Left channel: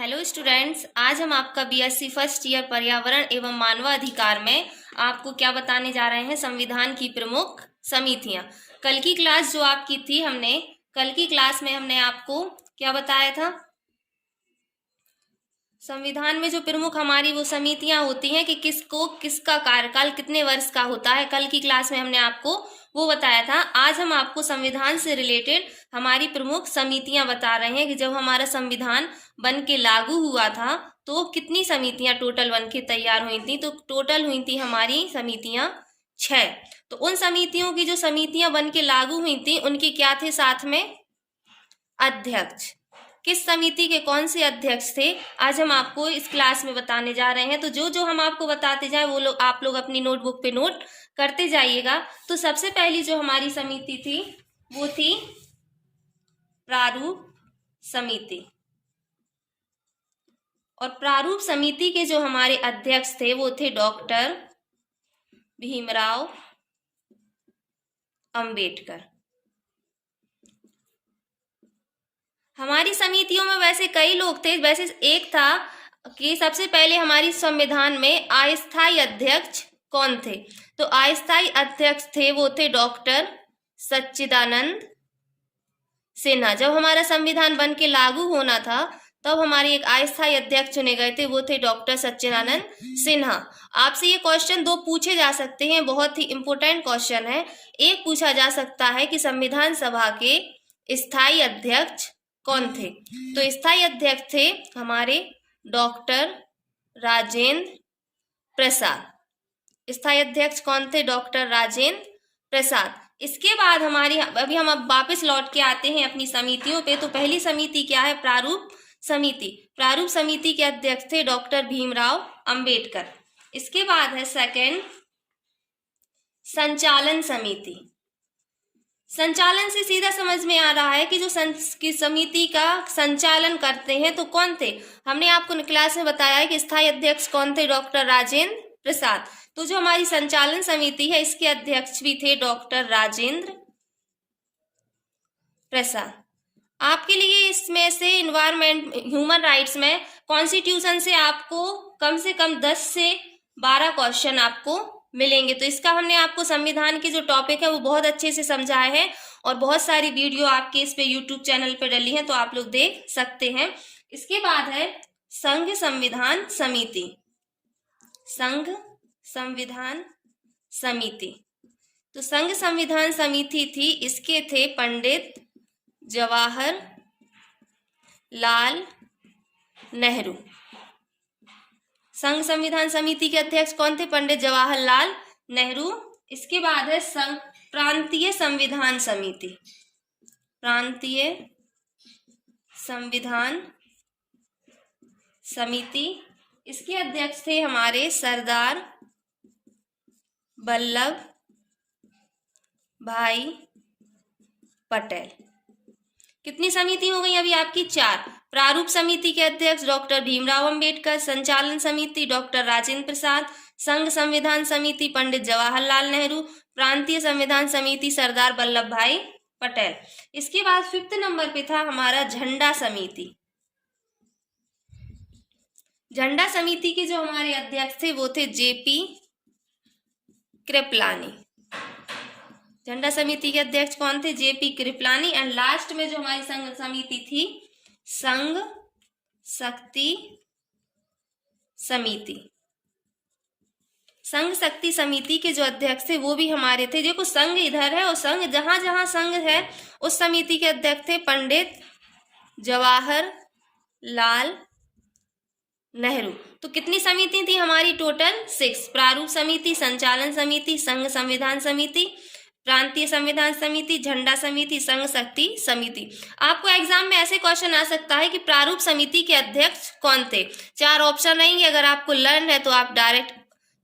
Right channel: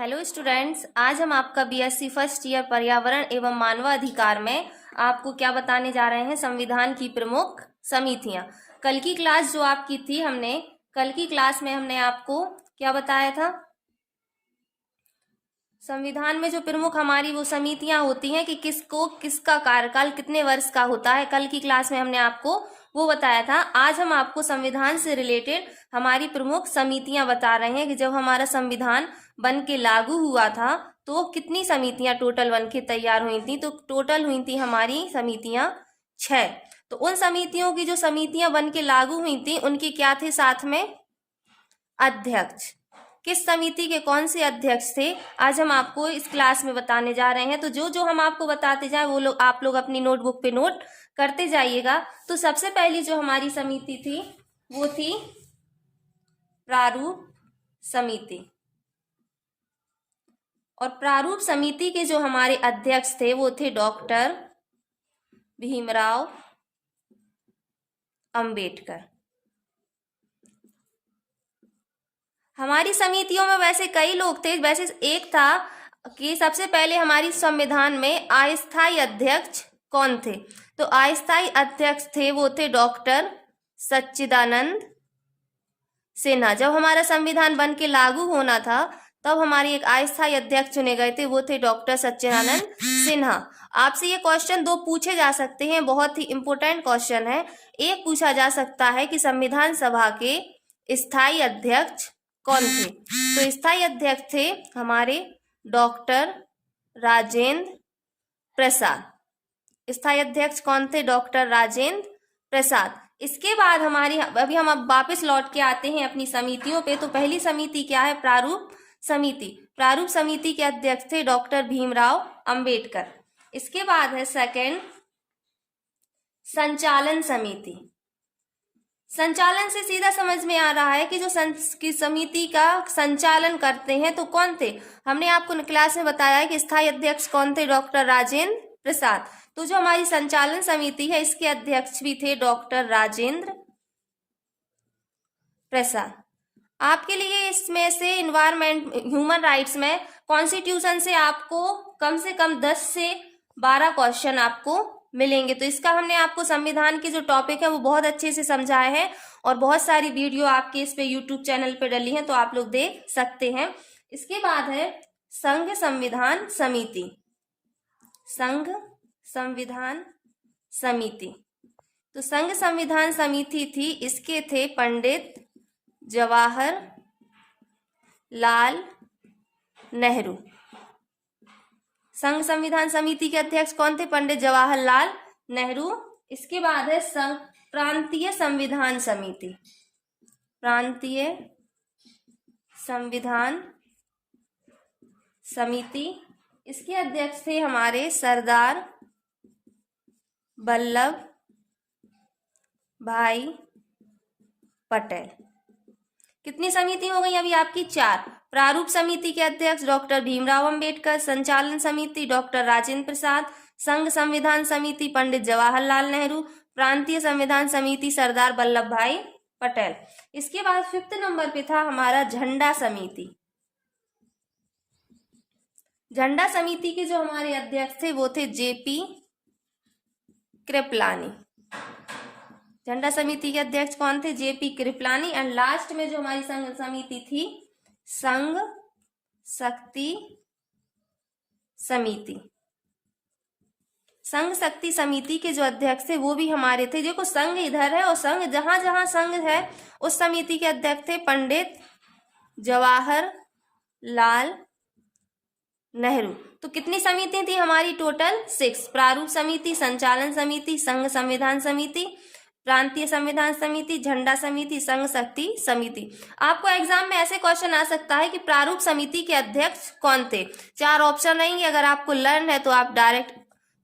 Hello students, आज हम आपका बीएससी फर्स्ट ईयर पर्यावरण एवं मानवाधिकार में आपको क्या बताने जा रहे हैं। संविधान की प्रमुख समितियां। कल की क्लास जो आपकी थी, कल की क्लास में हमने आपको क्या बताया था। संविधान में जो प्रमुख हमारी वो समितियां होती हैं कि किसका कार्यकाल कितने वर्ष का होता है। कल की क्लास में हमने आपको वो बताया था। आज हम आपको संविधान से रिलेटेड हमारी प्रमुख समितियां बता रहे हैं कि जब हमारा संविधान बन के लागू हुआ था तो कितनी समितियां टोटल बन के तैयार हुई थी। तो टोटल हुई थी हमारी समितियां 6। तो उन समितियों की जो समितियां बन के लागू हुई थी उनके क्या थे साथ में अध्यक्ष। किस समिति के कौन से अध्यक्ष थे आज हम आपको इस क्लास में बताने जा रहे हैं। तो जो जो हम आपको बताते जाए वो लोग आप लोग अपनी नोटबुक पे नोट करते जाइएगा। तो सबसे पहली जो हमारी समिति थी वो थी प्रारूप समिति। और प्रारूप समिति के जो हमारे अध्यक्ष थे वो थे डॉक्टर भीमराव अंबेडकर। हमारी समितियों में वैसे कई लोग थे, वैसे एक था कि सबसे पहले हमारी संविधान में अस्थायी अध्यक्ष कौन थे। तो अस्थायी अध्यक्ष थे वो थे डॉक्टर सच्चिदानंद सिन्हा। जब हमारा संविधान बन के लागू होना था तब हमारे एक अस्थायी अध्यक्ष चुने गए थे, वो थे डॉक्टर सच्चिदानंद सिन्हा। आपसे ये क्वेश्चन दो पूछे जा सकते हैं, बहुत ही इंपॉर्टेंट क्वेश्चन है। एक पूछा जा सकता है कि संविधान सभा के स्थायी अध्यक्ष कौन थे। तो स्थायी अध्यक्ष थे हमारे डॉक्टर राजेंद्र प्रसाद। स्थायी अध्यक्ष कौन थे? डॉक्टर राजेंद्र प्रसाद। इसके बाद हमारी अभी हम अब वापस लौट के आते हैं अपनी समितियों पे। तो पहली समिति क्या है? प्रारूप समिति। प्रारूप समिति के अध्यक्ष थे डॉक्टर भीमराव अंबेडकर। इसके बाद है सेकंड संचालन समिति। संचालन से सीधा समझ में आ रहा है कि जो की समिति का संचालन करते हैं तो कौन थे। हमने आपको क्लास में बताया है कि स्थायी अध्यक्ष कौन थे? डॉक्टर राजेंद्र प्रसाद। तो जो हमारी संचालन समिति है इसके अध्यक्ष भी थे डॉक्टर राजेंद्र प्रसाद। आपके लिए इसमें से इन्वायरमेंट ह्यूमन राइट्स में कॉन्स्टिट्यूशन से आपको कम से कम 10 से 12 क्वेश्चन आपको मिलेंगे। तो इसका हमने आपको संविधान के जो टॉपिक है वो बहुत अच्छे से समझाए हैं और बहुत सारी वीडियो आपके इस पे यूट्यूब चैनल पे डली है, तो आप लोग देख सकते हैं। इसके बाद है संघ संविधान समिति। संघ संविधान समिति। तो संघ संविधान समिति थी, इसके थे पंडित जवाहर लाल नेहरू। संघ संविधान समिति के अध्यक्ष कौन थे? पंडित जवाहरलाल नेहरू। इसके बाद है संघ प्रांतीय संविधान समिति। प्रांतीय संविधान समिति। इसके अध्यक्ष थे हमारे सरदार वल्लभ भाई पटेल। कितनी समिति हो गई अभी आपकी? 4। प्रारूप समिति के अध्यक्ष डॉक्टर भीमराव अंबेडकर, संचालन समिति डॉक्टर राजेंद्र प्रसाद, संघ संविधान समिति पंडित जवाहरलाल नेहरू, प्रांतीय संविधान समिति सरदार वल्लभ भाई पटेल। इसके बाद 5th नंबर पे था हमारा झंडा समिति। झंडा समिति के जो हमारे अध्यक्ष थे वो थे जेपी कृपलानी। झंडा समिति के अध्यक्ष कौन थे? जेपी कृपलानी। एंड लास्ट में जो हमारी संघ समिति थी संघ शक्ति समिति। संघ शक्ति समिति के जो अध्यक्ष थे वो भी हमारे थे। देखो संघ इधर है और संघ जहां जहां संघ है उस समिति के अध्यक्ष थे पंडित जवाहर लाल नेहरू। तो कितनी समिति थी हमारी? टोटल 6। प्रारूप समिति, संचालन समिति, संघ संविधान समिति, प्रांतीय संविधान समिति, झंडा समिति, संघ शक्ति समिति। आपको एग्जाम में ऐसे क्वेश्चन आ सकता है कि प्रारूप समिति के अध्यक्ष कौन थे। 4 ऑप्शन रहेंगे। अगर आपको लर्न है तो आप डायरेक्ट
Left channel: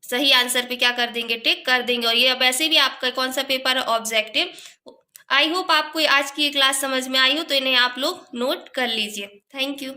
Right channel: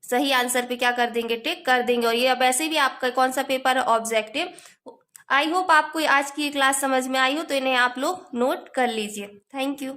सही आंसर पे क्या कर देंगे? टिक कर देंगे। और ये वैसे भी आपका कौन सा पेपर है? ऑब्जेक्टिव। आई होप आपको आज की ये क्लास समझ में आई हो, तो इन्हें आप लोग नोट कर लीजिए। Thank you.